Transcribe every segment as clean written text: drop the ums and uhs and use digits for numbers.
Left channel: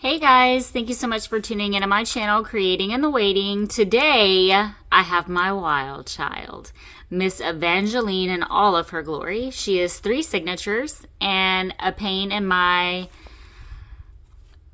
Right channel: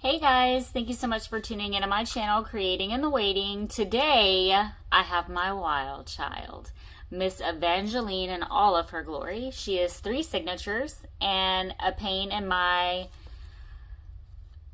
Hey guys, thank you so much for tuning into my channel, Creating in the Waiting. Today, I have my wild child, Miss Evangeline in all of her glory. She has 3 signatures and a pain in my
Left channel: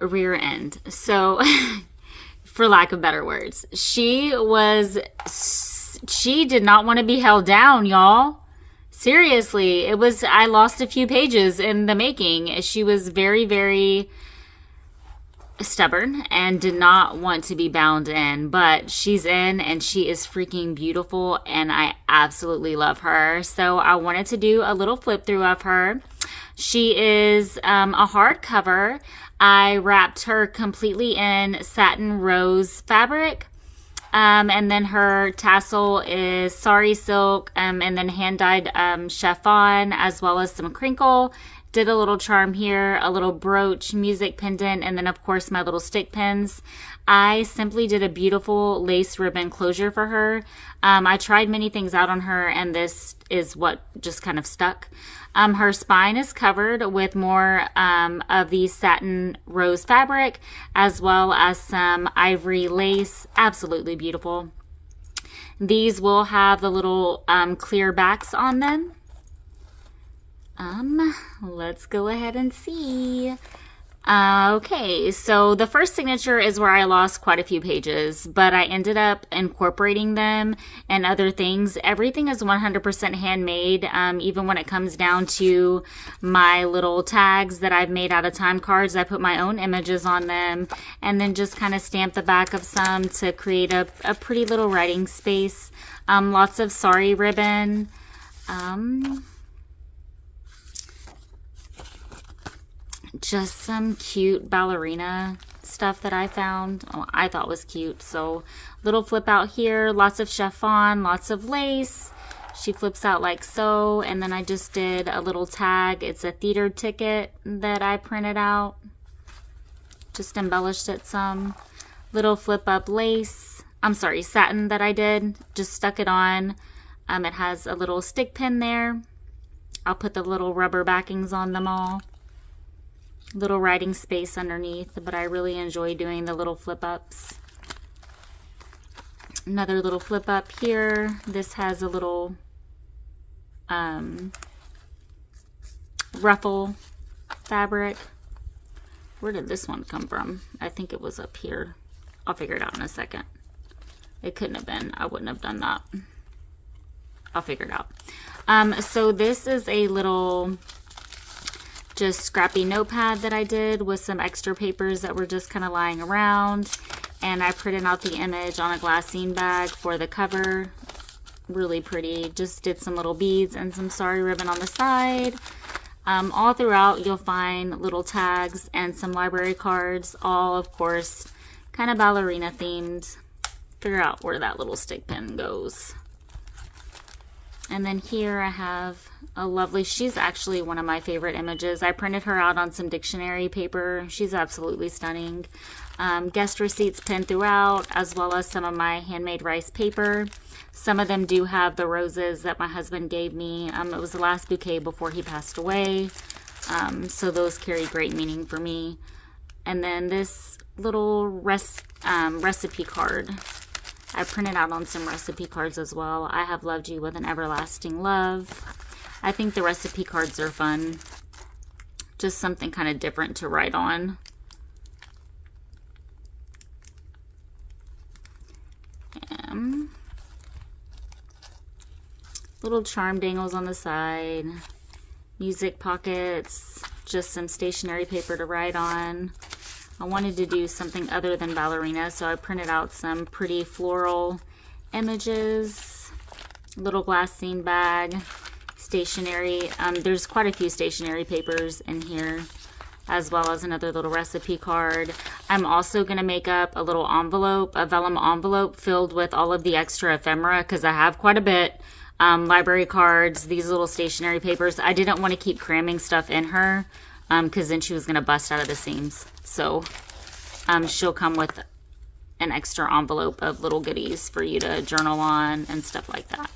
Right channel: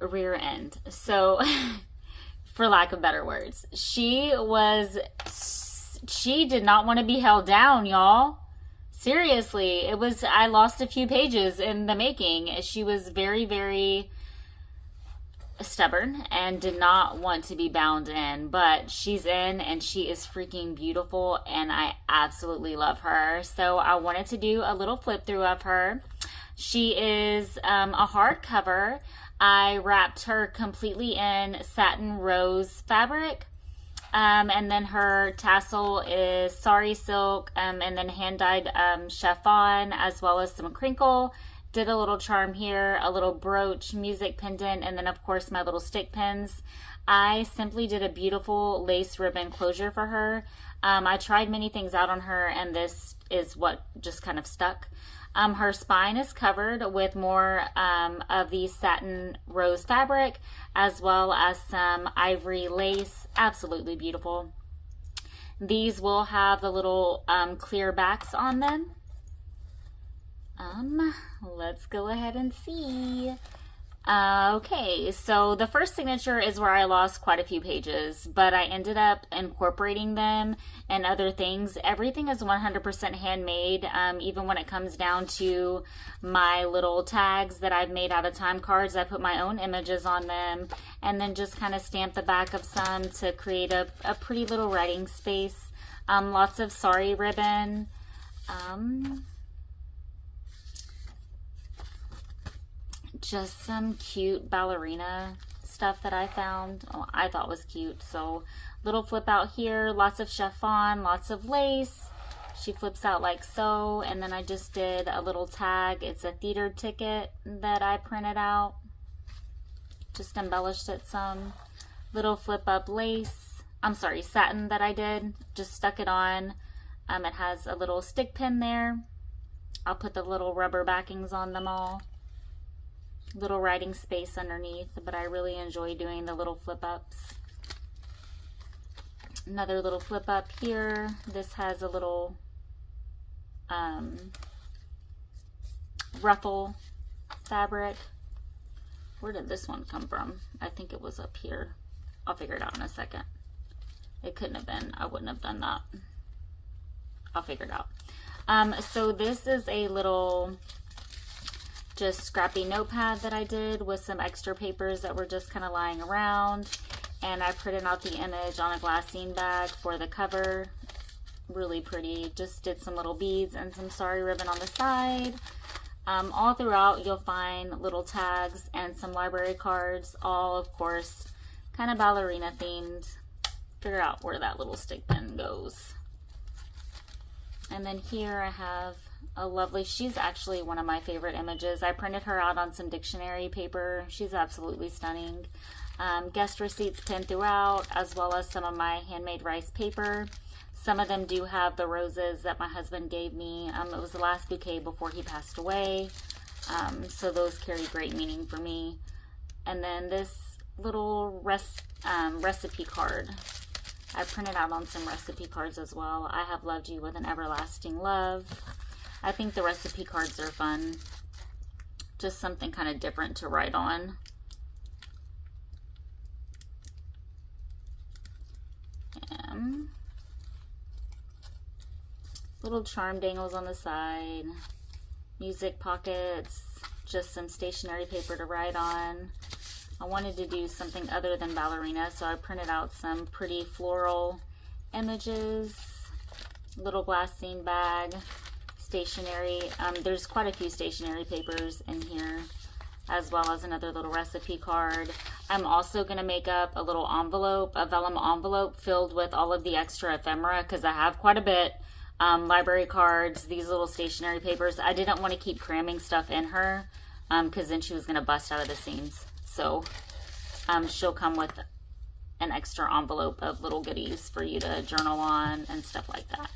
rear end. So, for lack of better words, she did not want to be held down, y'all. Seriously, I lost a few pages in the making. She was very stubborn and did not want to be bound in, but she's in and she is freaking beautiful and I absolutely love her. So I wanted to do a little flip through of her. She is a hardcover. I wrapped her completely in satin rose fabric, and then her tassel is Sari silk, and then hand dyed chiffon, as well as some crinkle. Did a little charm here, a little brooch, music pendant, and then of course my little stick pins. I simply did a beautiful lace ribbon closure for her. I tried many things out on her and this is what just kind of stuck. Her spine is covered with more of the satin rose fabric, as well as some ivory lace. Absolutely beautiful. These will have the little clear backs on them. Let's go ahead and see. Okay, so the first signature is where I lost quite a few pages, but I ended up incorporating them and other things. Everything is 100% handmade, even when it comes down to my little tags that I've made out of time cards. I put my own images on them and then just kind of stamp the back of some to create a pretty little writing space. Lots of Sari ribbon. Just some cute ballerina stuff that I found. I thought was cute. So little flip out here, lots of chiffon, lots of lace. She flips out like so, and then I just did a little tag. It's a theater ticket that I printed out. Just embellished it some. Little flip up lace. I'm sorry, satin that I did. Just stuck it on. It has a little stick pin there. I'll put the little rubber backings on them all. Little writing space underneath, but I really enjoy doing the little flip ups. Another little flip up here. This has a little ruffle fabric. Where did this one come from? I think it was up here. I'll figure it out in a second. It couldn't have been. I wouldn't have done that. I'll figure it out. So this is a little just scrappy notepad that I did with some extra papers that were just kind of lying around, and I printed out the image on a glassine bag for the cover. Really pretty. Just did some little beads and some Sari ribbon on the side. All throughout you'll find little tags and some library cards, all of course kind of ballerina themed. Figure out where that little stick pin goes. And then here I have a lovely, she's actually one of my favorite images. I printed her out on some dictionary paper. She's absolutely stunning. Guest receipts pinned throughout, as well as some of my handmade rice paper. Some of them do have the roses that my husband gave me. It was the last bouquet before he passed away. So those carry great meaning for me. And then this little recipe card. I printed out on some recipe cards as well. I have loved you with an everlasting love. I think the recipe cards are fun. Just something kind of different to write on. And little charm dangles on the side. Music pockets. Just some stationery paper to write on. I wanted to do something other than ballerina, so I printed out some pretty floral images. Little glassine bag, stationery. There's quite a few stationery papers in here, as well as another little recipe card. I'm also going to make up a little envelope, a vellum envelope filled with all of the extra ephemera, because I have quite a bit. Library cards, these little stationery papers. I didn't want to keep cramming stuff in her, because then she was going to bust out of the seams. So she'll come with an extra envelope of little goodies for you to journal on and stuff like that.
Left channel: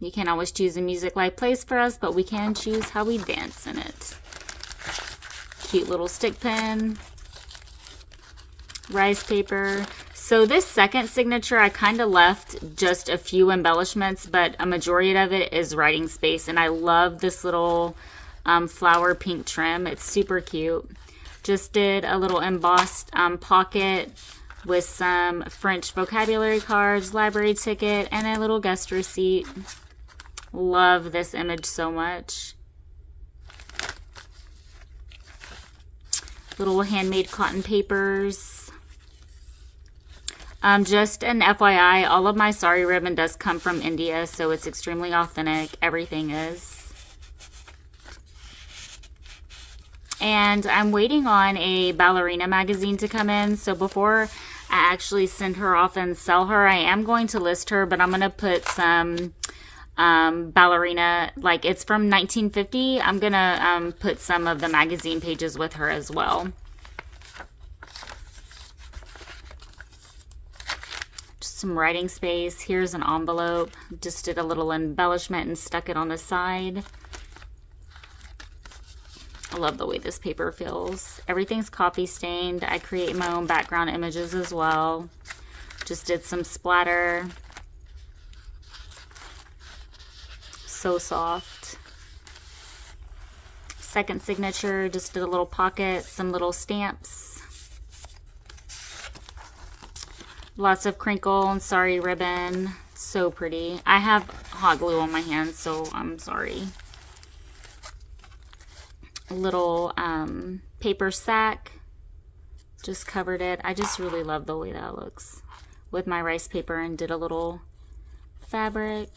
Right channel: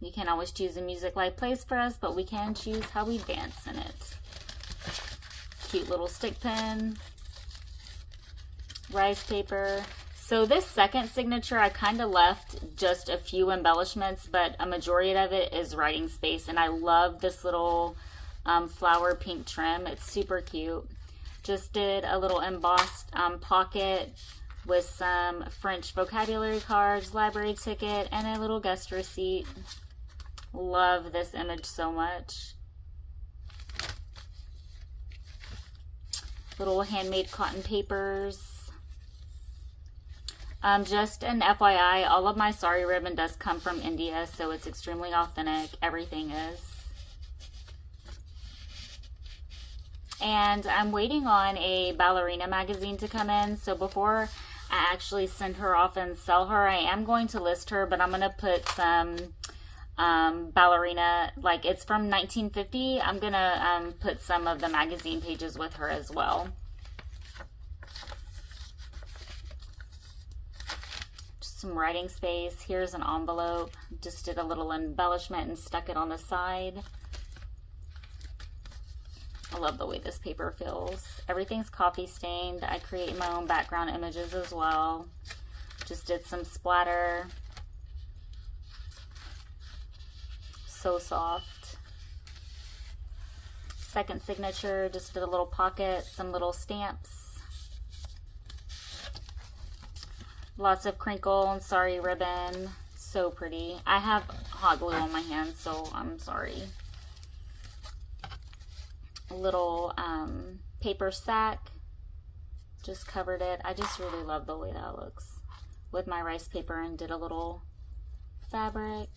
You can't always choose a music life plays for us, but we can choose how we dance in it. cute little stick pin, rice paper. So this second signature, I kind of left just a few embellishments, but a majority of it is writing space. And I love this little flower pink trim. It's super cute. Just did a little embossed pocket with some French vocabulary cards, library ticket, and a little guest receipt. Love this image so much. Little handmade cotton papers. Just an FYI, all of my Sari ribbon does come from India, so it's extremely authentic. Everything is. And I'm waiting on a ballerina magazine to come in, so before I actually send her off and sell her, I am going to list her, but I'm going to put some ballerina, like it's from 1950. I'm going to put some of the magazine pages with her as well. Just some writing space. Here's an envelope. Just did a little embellishment and stuck it on the side. I love the way this paper feels. Everything's coffee stained. I create my own background images as well. Just did some splatter. So soft. Second signature, just did a little pocket, some little stamps. Lots of crinkle and Sari ribbon. So pretty. I have hot glue on my hands, so I'm sorry. Little paper sack, just covered it. I just really love the way that looks with my rice paper, and did a little fabric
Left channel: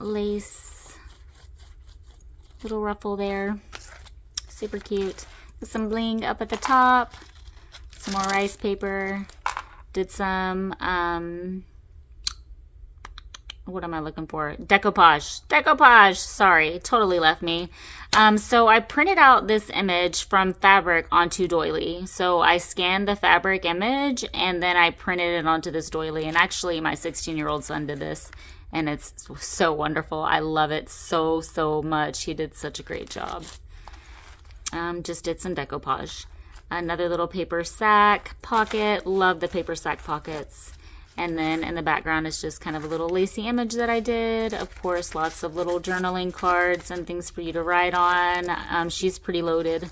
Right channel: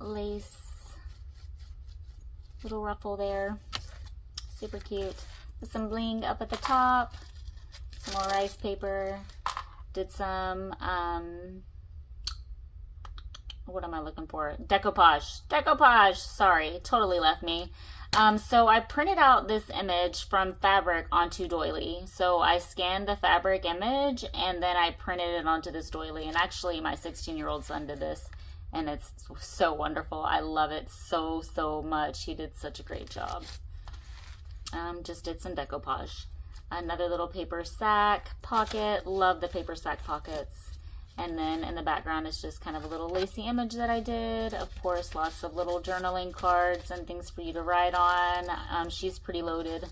lace, little ruffle there. Super cute. Some bling up at the top, some more rice paper. Did some what am I looking for? Decoupage. Sorry, totally left me. So I printed out this image from fabric onto doily. So I scanned the fabric image and then I printed it onto this doily. And actually my 16-year-old son did this, and it's so wonderful. I love it so much. He did such a great job. Just did some decoupage. Another little paper sack pocket. Love the paper sack pockets. And then in the background is just kind of a little lacy image that I did. Of course, lots of little journaling cards and things for you to write on. She's pretty loaded,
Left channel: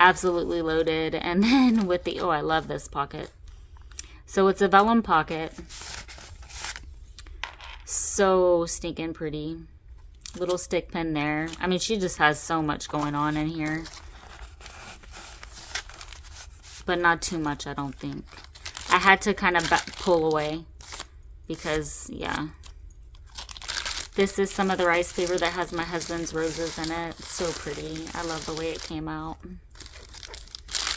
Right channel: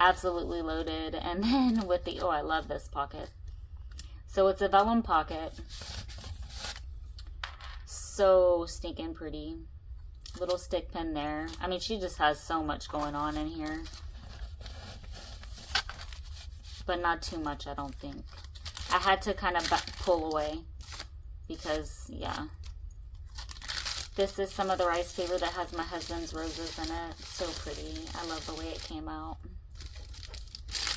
absolutely loaded. And then with the, oh, I love this pocket. So it's a vellum pocket. So stinking pretty. Little stick pin there. I mean, she just has so much going on in here. But not too much, I don't think. I had to kind of pull away because, yeah. This is some of the rice paper that has my husband's roses in it. So pretty. I love the way it came out.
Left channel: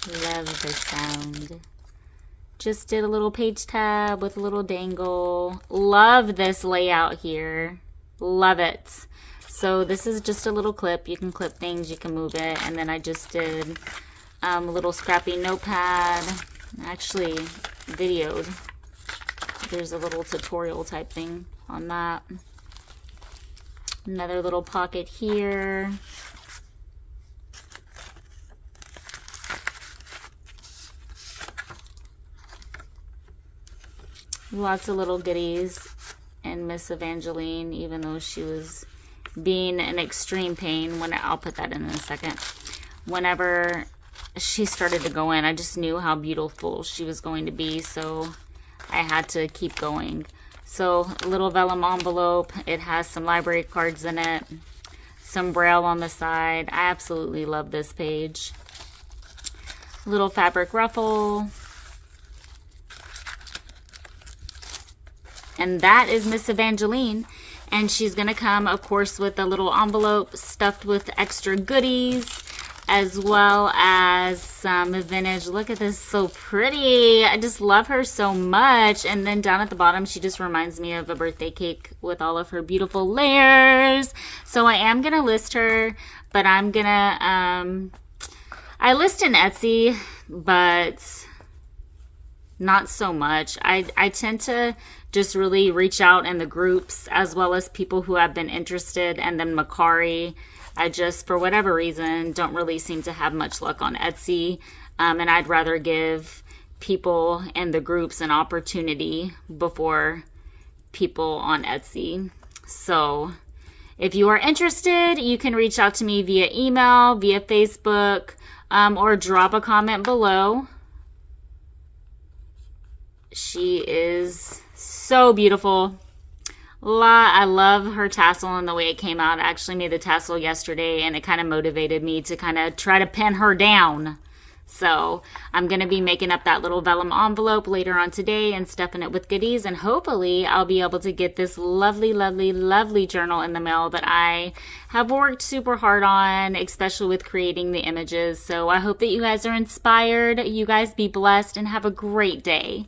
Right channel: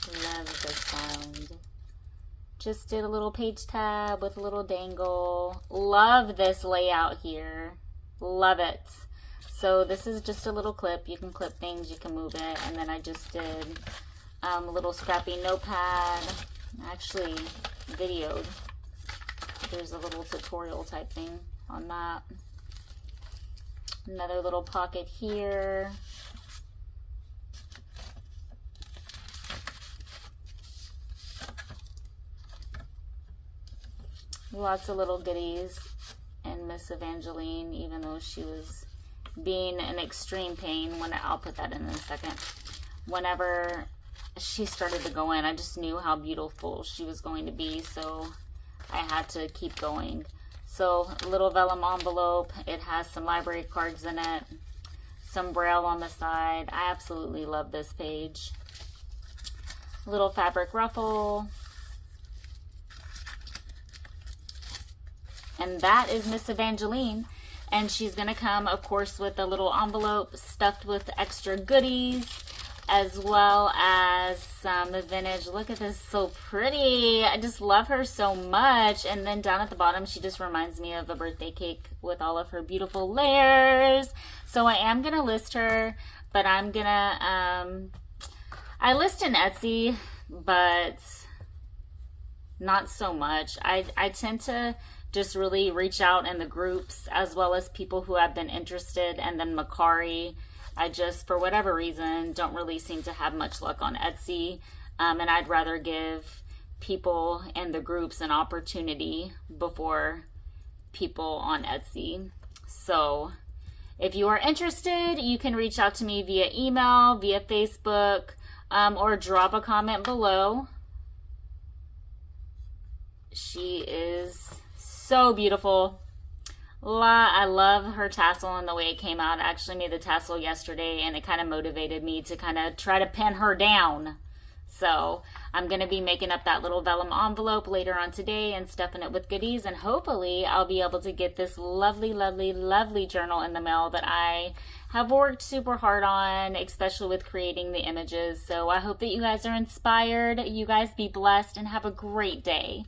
Love the sound. Just did a little page tab with a little dangle. Love this layout here. Love it. So this is just a little clip. You can clip things, you can move it. And then I just did a little scrappy notepad. Actually videoed. There's a little tutorial type thing on that. Another little pocket here. Lots of little goodies. And Miss Evangeline, even though she was being an extreme pain, when I'll put that in a second. Whenever she started to go in, I just knew how beautiful she was going to be, so I had to keep going. So little vellum envelope. It has some library cards in it, some braille on the side. I absolutely love this page. Little fabric ruffle. And that is Miss Evangeline. And she's gonna come, of course, with a little envelope stuffed with extra goodies, as well as some vintage. Look at this, so pretty. I just love her so much. And then down at the bottom, she just reminds me of a birthday cake with all of her beautiful layers. So I am gonna list her, but I'm gonna, I list in Etsy, but not so much. I tend to just really reach out in the groups, as well as people who have been interested, and then Macari. I just, for whatever reason, don't really seem to have much luck on Etsy. And I'd rather give people in the groups an opportunity before people on Etsy. So if you are interested, you can reach out to me via email, via Facebook, or drop a comment below. She is so beautiful. I love her tassel and the way it came out. I actually made the tassel yesterday, and it kind of motivated me to kind of try to pin her down. So I'm going to be making up that little vellum envelope later on today and stuffing it with goodies, and hopefully I'll be able to get this lovely, lovely, lovely journal in the mail that I have worked super hard on, especially with creating the images. So I hope that you guys are inspired. You guys be blessed and have a great day.